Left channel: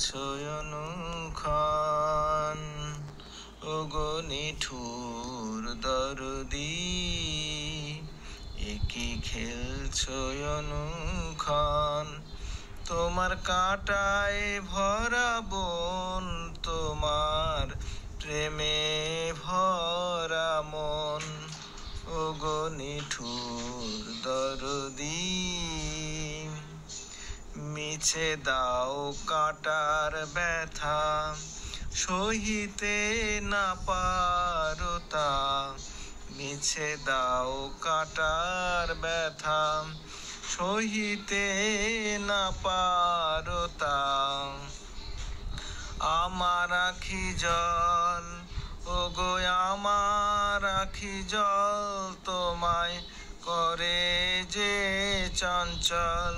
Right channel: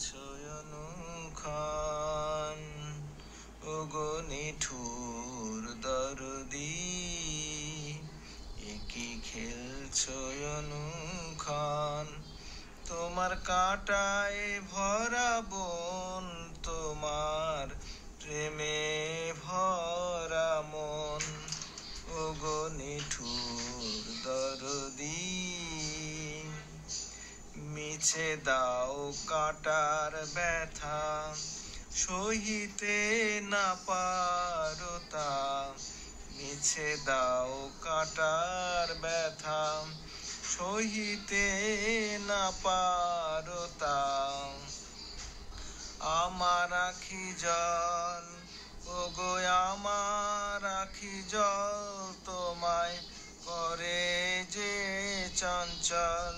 খেলছো অনুক্ষণ ওগো নিঠুর দরদি একই খেলছো অনুক্ষণ তোমার কাঁটায় ভরা বন তোমার প্রেমে ভরা মন ওগো নিঠুর দরদি মিছে দাও কাঁটার ব্যথা সহিতে না পারো তা মিছে দাও কাঁটার ব্যথা সহিতে না পারো তা আমার আখি জল ওগো আমার আখি জল তোমায় করে যে চঞ্চল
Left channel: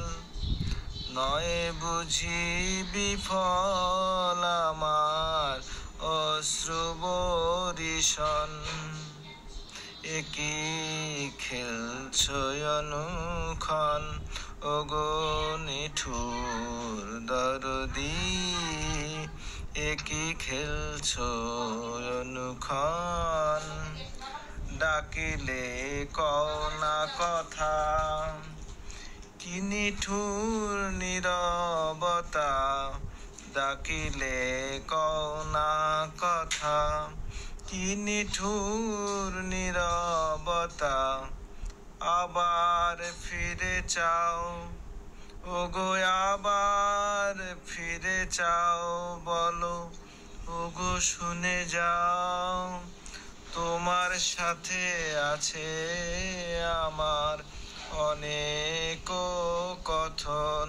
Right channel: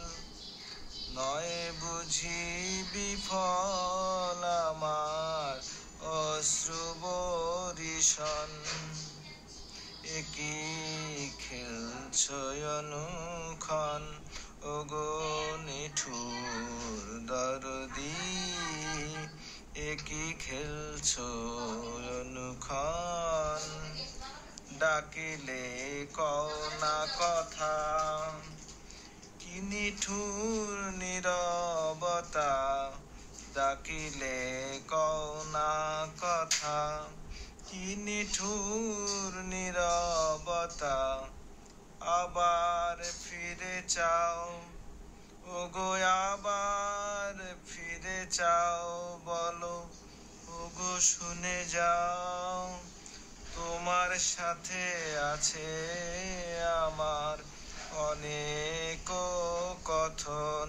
নয় বুঝি বিফল আমার অশ্রু বরিশন একই খেলছো অনুক্ষণ ওগো নিঠুর দরদি একই খেলছো অনুক্ষণ ডাকিলে কও না কথা কি নিঠুর নীরবতা ডাকিলে কও না কথা কি নিঠুর নীরবতা আবার ফিরে চাও ওগো আবার ফিরে চাও বলো ওগো শুনে যাও তোমার সাথে আছে আমার অনেক কথন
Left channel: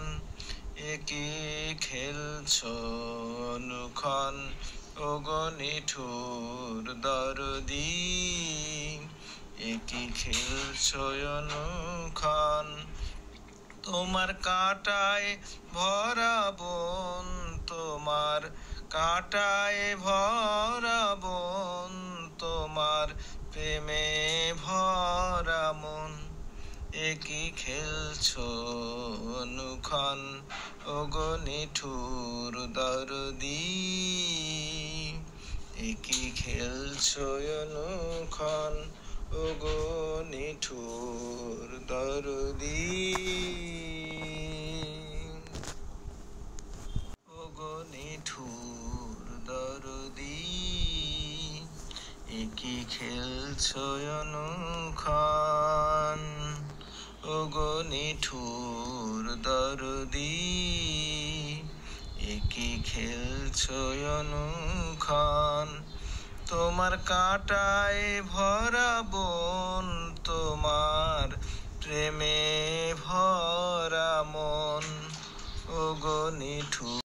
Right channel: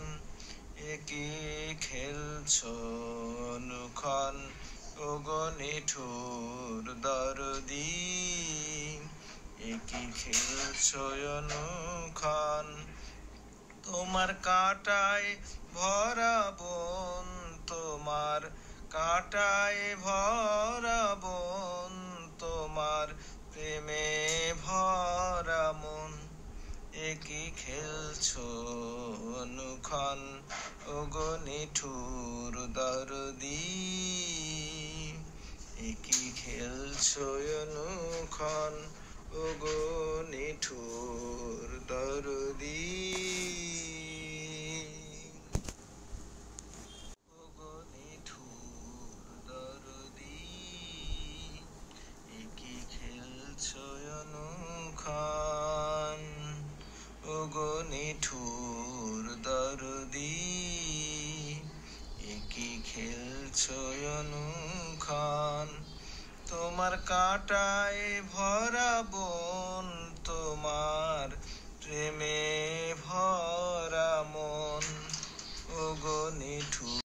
একই খেলছো অনুক্ষণ ওগো নিঠুর দরদি একই খেলছো অনুক্ষণ তোমার কাঁটায় ভরা বন তোমার কাঁটায় ভরা বন তোমার প্রেমে ভরা মন একই খেলছো অনুক্ষণ ওগো নিঠুর দরদি একই খেলছো অনুক্ষণ ওগো নিঠুর দরদি ওগো নিঠুর দরদি একই খেলছো অনুক্ষণ ওগো নিঠুর দরদি একই খেলছো অনুক্ষণ তোমার কাঁটায় ভরা বন তোমার